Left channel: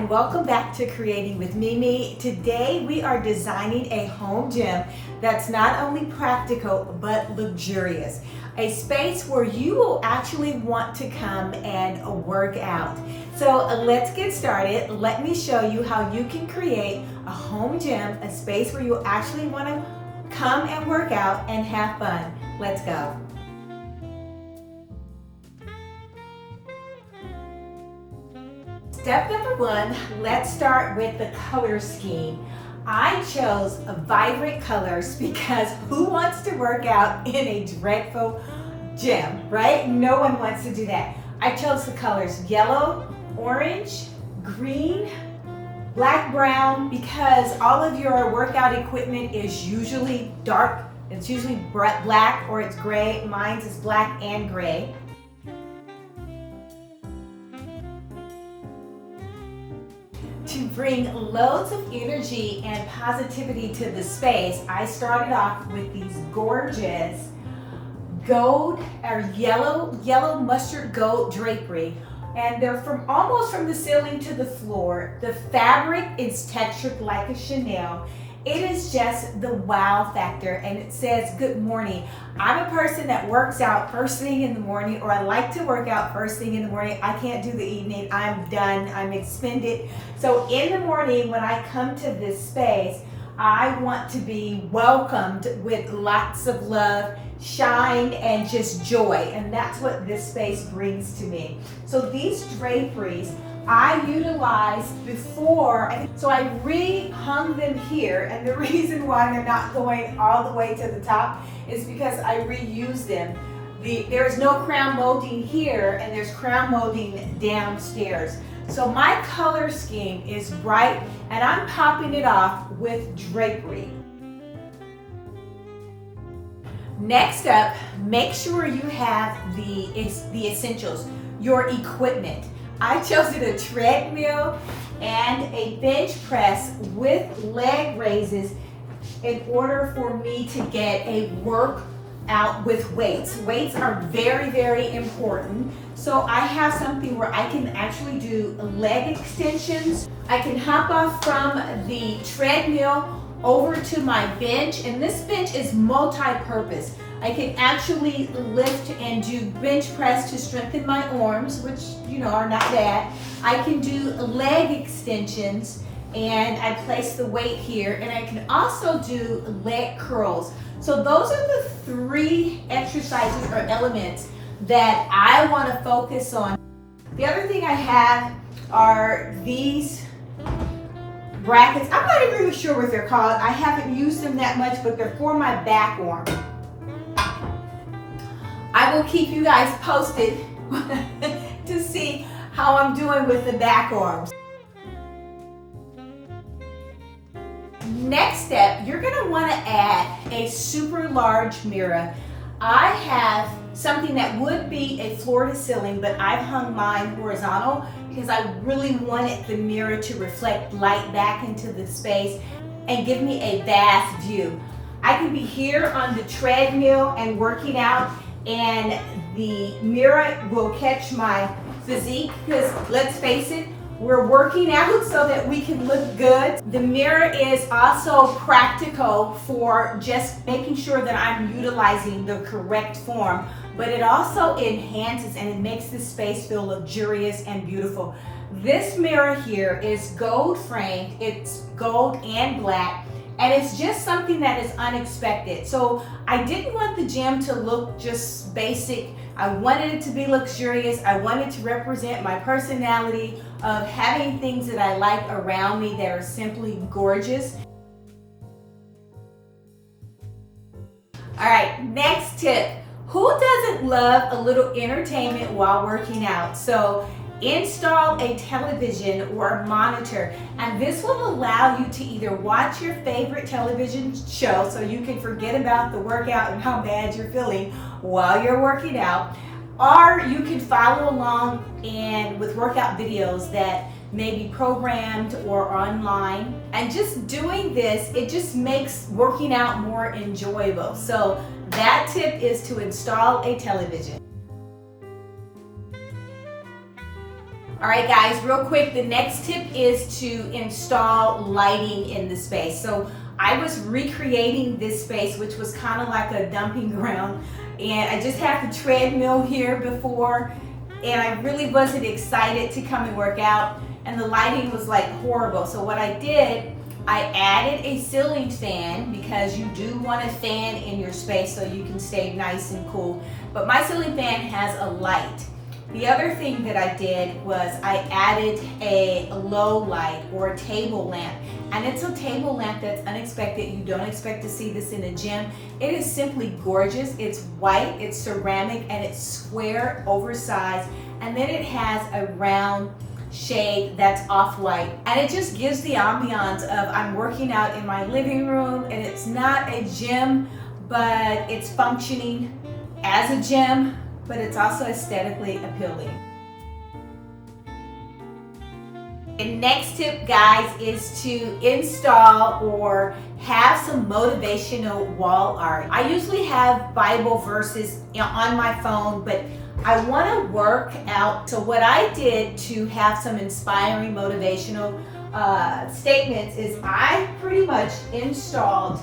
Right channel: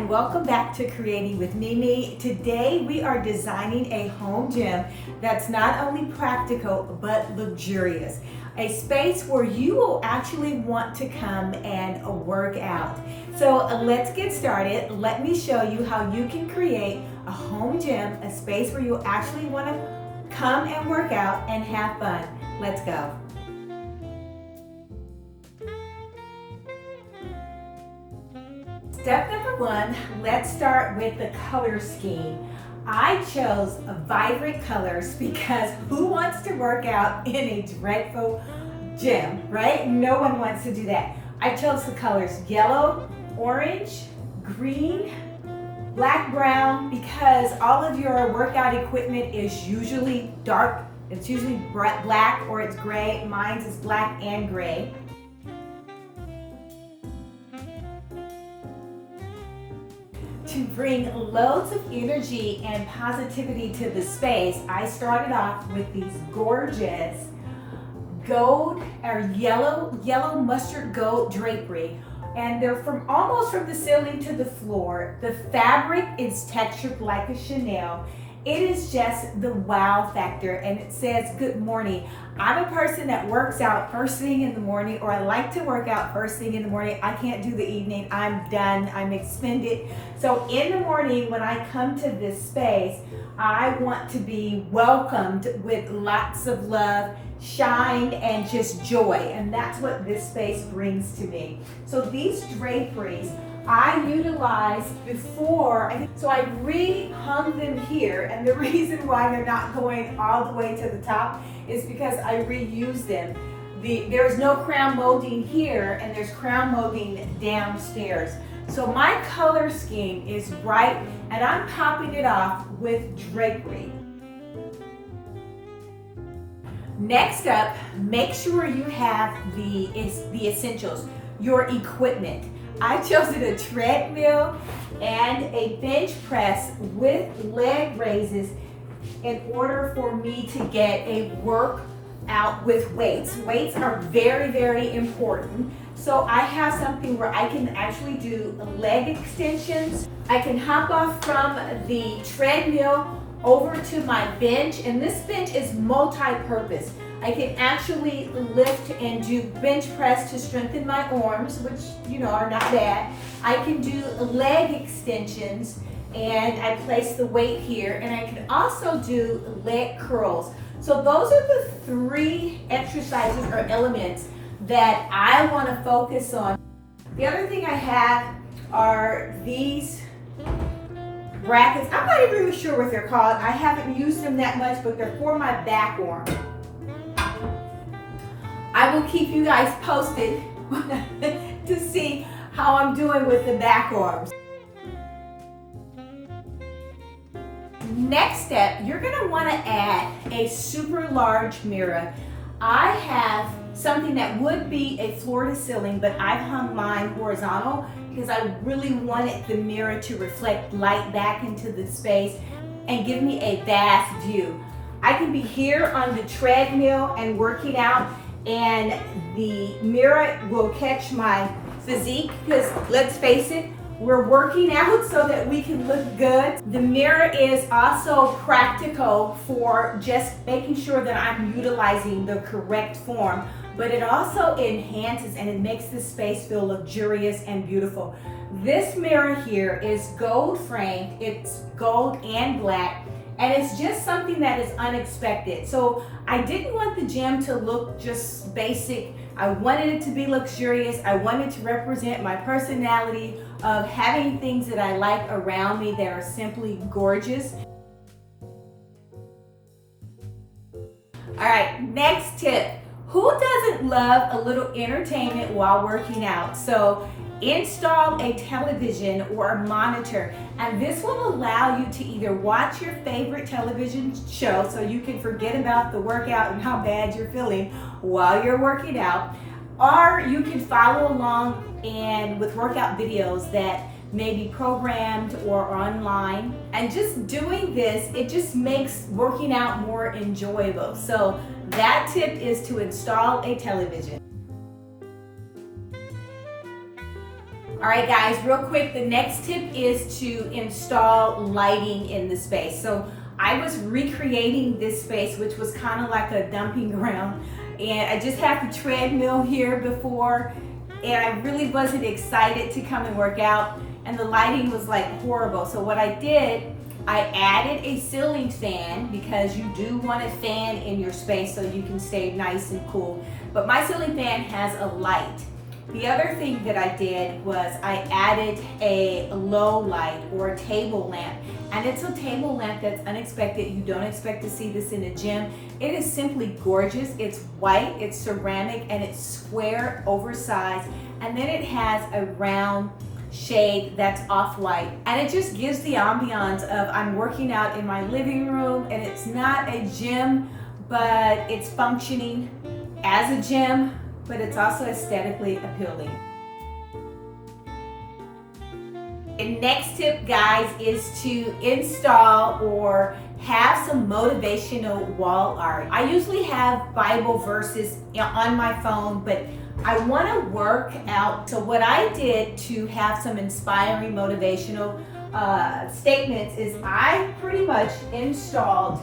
and welcome back to Creating with Mimi. Today we are designing a home gym that's not only practical but luxurious. A space where you will actually want to come and work out. So let's get started. Let me show you how you can create a home gym, a space where you actually want to come and work out and have fun. Let's go. Step number one, let's start with the color scheme. I chose vibrant colors because who wants to work out in a dreadful gym, right? No one wants to do that. I chose the colors yellow, orange, green, black, brown, because all of your workout equipment is usually dark. It's usually black or it's gray. Mine is black and gray. To bring loads of energy and positivity to the space, I started off with these gorgeous gold or yellow mustard gold drapery, and they're almost from the ceiling to the floor. The fabric is textured like a Chanel. It is just the wow factor, and it says good morning. I'm a person that works out first thing in the morning, or I like to work out first thing in the morning. I can't do the evening. I'm done. I'm expended. So in the morning when I come to this space, I want to be welcomed with lots of love, shine, and just joy. And that's what this space brings to me. So these draperies I utilized before, so I re-hung them here, and the reason why they're not going all the way to the top is because I reused them. There is no crown molding here, and there's crown molding downstairs. So my color scheme is bright, and I'm popping it off with drapery. Next up, make sure you have the essentials, your equipment. I chose a treadmill and a bench press with leg raises in order for me to get a workout with weights. Weights are very, very important. So I have something where I can actually do leg extensions. I can hop off from the treadmill over to my bench, and this bench is multi-purpose. I can actually lift and do bench press to strengthen my arms, which are not bad. I can do leg extensions, and I place the weight here, and I can also do leg curls. So those are the three exercises or elements that I want to focus on. The other thing I have are these brackets. I'm not even really sure what they're called. I haven't used them that much, but they're for my back arm. I will keep you guys posted to see how I'm doing with the back arms. Next step, you're going to want to add a super large mirror. I have something that would be a floor to ceiling, but I've hung mine horizontal because I really wanted the mirror to reflect light back into the space and give me a vast view. I can be here on the treadmill and working out, and the mirror will catch my physique because let's face it, we're working out so that we can look good. The mirror is also practical for just making sure that I'm utilizing the correct form, but it also enhances and it makes the space feel luxurious and beautiful. This mirror here is gold framed, it's gold and black, and it's just something that is unexpected. So I didn't want the gym to look just basic. I wanted it to be luxurious. I wanted to represent my personality of having things that I like around me that are simply gorgeous. All right, next tip. Who doesn't love a little entertainment while working out? So install a television or a monitor, and this will allow you to either watch your favorite television show so you can forget about the workout and how bad you're feeling while you're working out, or you can follow along and with workout videos that may be programmed or online. And just doing this, it just makes working out more enjoyable. So that tip is to install a television. All right, guys, real quick, the next tip is to install lighting in the space. So I was recreating this space, which was kind of like a dumping ground, and I just had the treadmill here before, and I really wasn't excited to come and work out, and the lighting was like horrible. So what I did, I added a ceiling fan, because you do want a fan in your space so you can stay nice and cool. But my ceiling fan has a light. The other thing that I did was I added a low light or a table lamp. And it's a table lamp that's unexpected. You don't expect to see this in a gym. It is simply gorgeous. It's white, it's ceramic, and it's square, oversized. And then it has a round shade that's off-white, and it just gives the ambiance of I'm working out in my living room, and it's not a gym, but it's functioning as a gym, but it's also aesthetically appealing. The next tip, guys, is to install or have some motivational wall art. I usually have Bible verses on my phone, but I want to work out. So what I did to have some inspiring motivational statements is I pretty much installed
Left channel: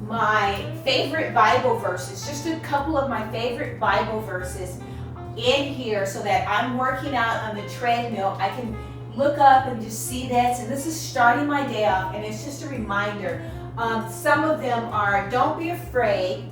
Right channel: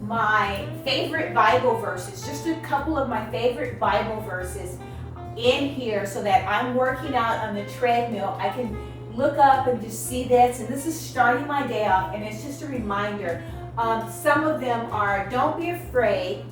my favorite Bible verses, just a couple of my favorite Bible verses in here, so that I'm working out on the treadmill. I can look up and just see this, and this is starting my day off, and it's just a reminder. Some of them are, don't be afraid,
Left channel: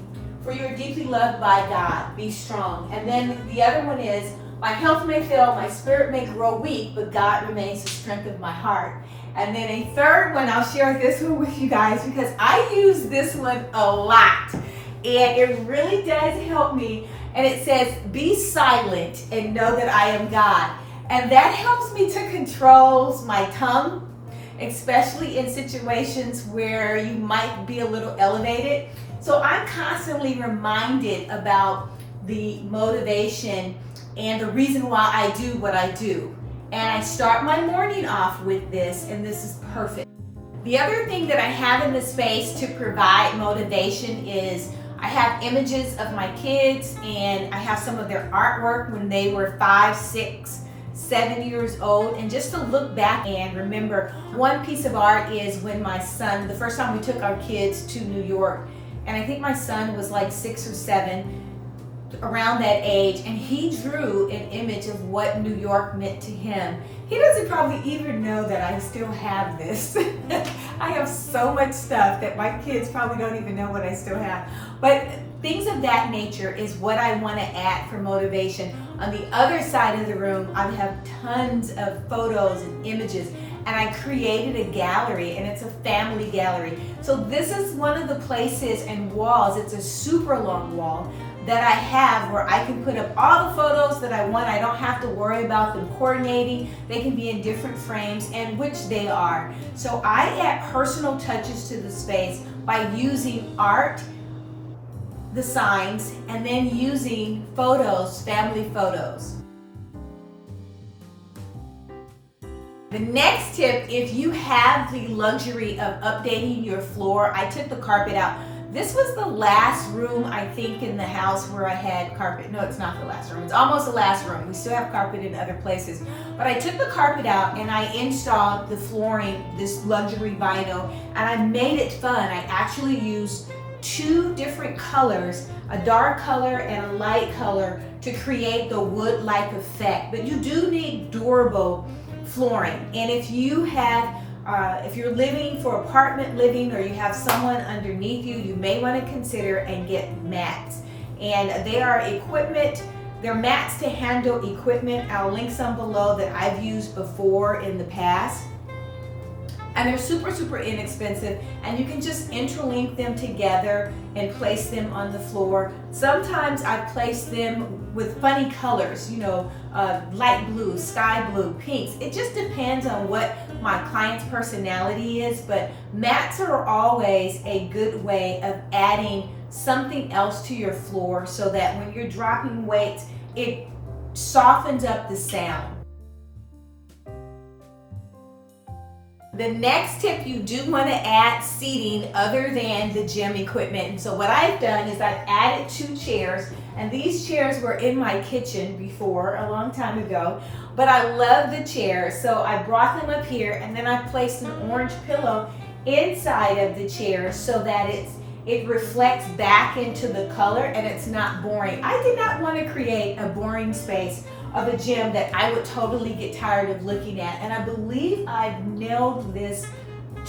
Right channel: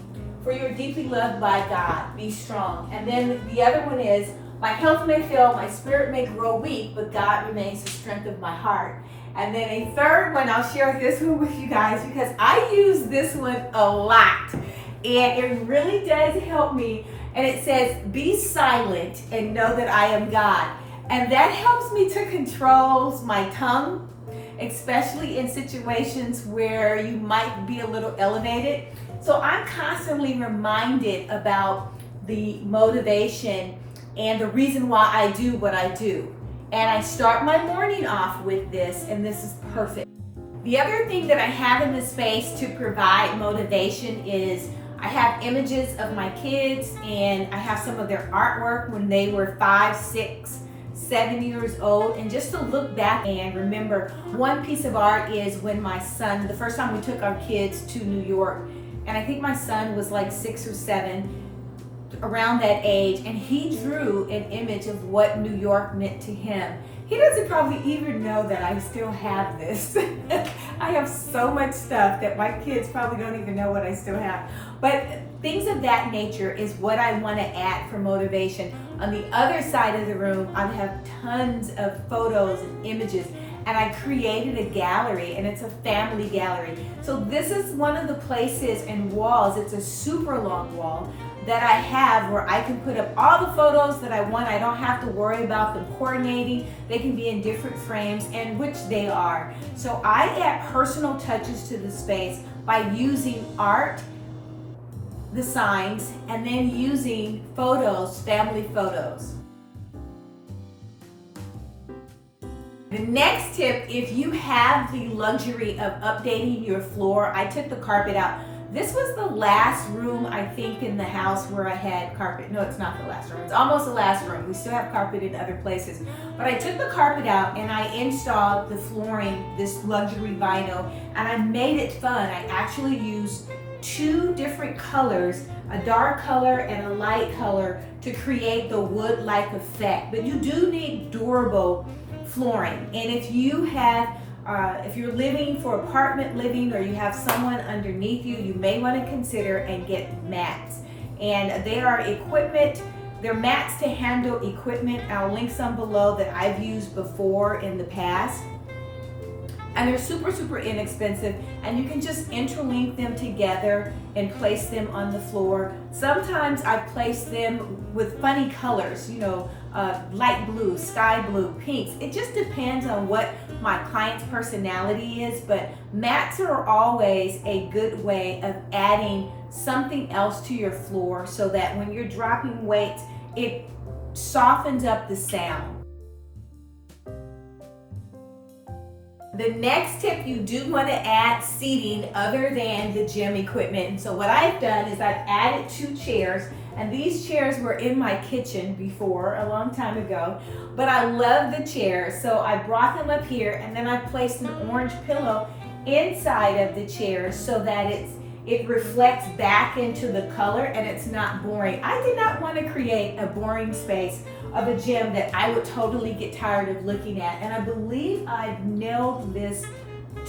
for you are deeply loved by God, be strong. And then the other one is, my health may fail, my spirit may grow weak, but God remains the strength of my heart. And then a third one, I'll share this one with you guys, because I use this one a lot, and it really does help me. And it says, be silent and know that I am God. And that helps me to control my tongue, especially in situations where you might be a little elevated. So I'm constantly reminded about the motivation and the reason why I do what I do. And I start my morning off with this, and this is perfect. The other thing that I have in the space to provide motivation is I have images of my kids, and I have some of their artwork when they were 5, 6, 7 years old, and just to look back and remember. One piece of art is when my son, the first time we took our kids to New York, and I think my son was like 6 or 7, around that age, and he drew an image of what New York meant to him. He doesn't probably even know that I still have this. I have so much stuff that my kids probably don't even know what I still have. But things of that nature is what I want to add for motivation. On the other side of the room, I have tons of photos and images, and I created a gallery, and it's a family gallery. So this is one of the places and walls, it's a super long wall, that I have where I can put up all the photos that I want. I don't have to worry about them coordinating. They can be in different frames, and which they are. So I add personal touches to the space by using art, the signs, and then using photos, family photos. The next tip, if you have the luxury of updating your floor, I took the carpet out. This was the last room, I think, in the house where I had carpet. No, it's not the last room. It's almost the last room. We still have carpet in other places. But I took the carpet out and I installed the flooring, this luxury vinyl, and I made it fun. I actually used 2 different colors, a dark color and a light color, to create the wood-like effect. But you do need durable flooring. And if you have if you're living for apartment living, or you have someone underneath you, you may want to consider and get mats. And they are equipment, they're mats to handle equipment. I'll link some below that I've used before in the past. And they're super, super inexpensive, and you can just interlink them together and place them on the floor. Sometimes I place them with funny colors, you know, light blue, sky blue, pinks. It just depends on what my client's personality is, but mats are always a good way of adding something else to your floor, so that when you're dropping weights, it softens up the sound. The next tip, you do want to add seating other than the gym equipment. And so what I've done is I've added 2 chairs, and these chairs were in my kitchen before, a long time ago, but I love the chairs, so I brought them up here, and then I placed an orange pillow inside of the chairs so that it reflects back into the color and it's not boring. I did not want to create a boring space of a gym that I would totally get tired of looking at, and I believe I've nailed this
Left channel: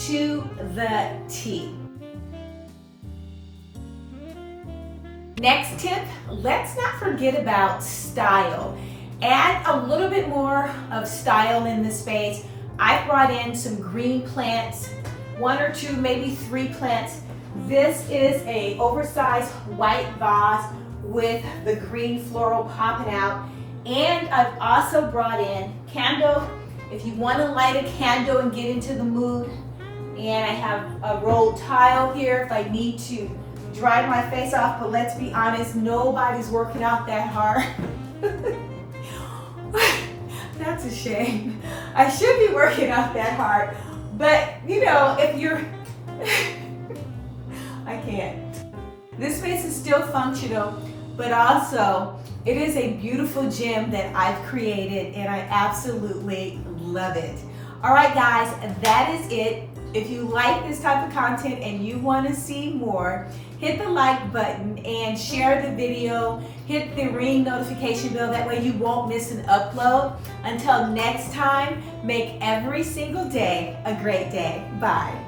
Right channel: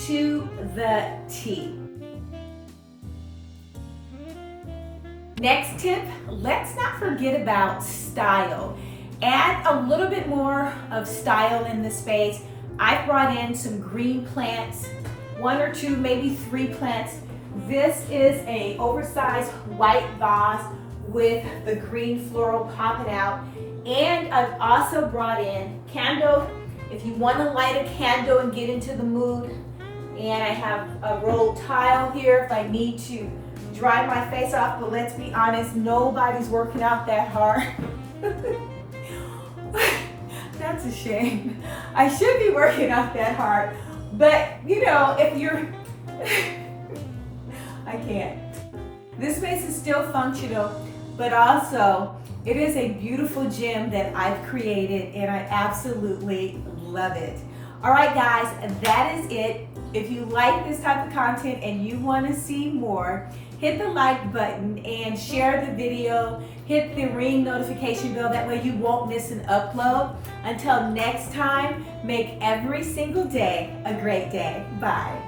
to the T. Next tip, let's not forget about style. Add a little bit more of style in the space. I brought in some green plants, 1 or 2, maybe 3 plants. This is a oversized white vase with the green floral popping out. And I've also brought in candle, if you want to light a candle and get into the mood. And I have a rolled tile here if I need to dry my face off, but let's be honest, nobody's working out that hard. That's a shame. I should be working out that hard, but you know, if you're, I can't. This space is still functional, but also it is a beautiful gym that I've created and I absolutely love it. All right guys, that is it. If you like this type of content and you want to see more, hit the like button and share the video. Hit the ring notification bell, that way you won't miss an upload. Until next time, make every single day a great day. Bye.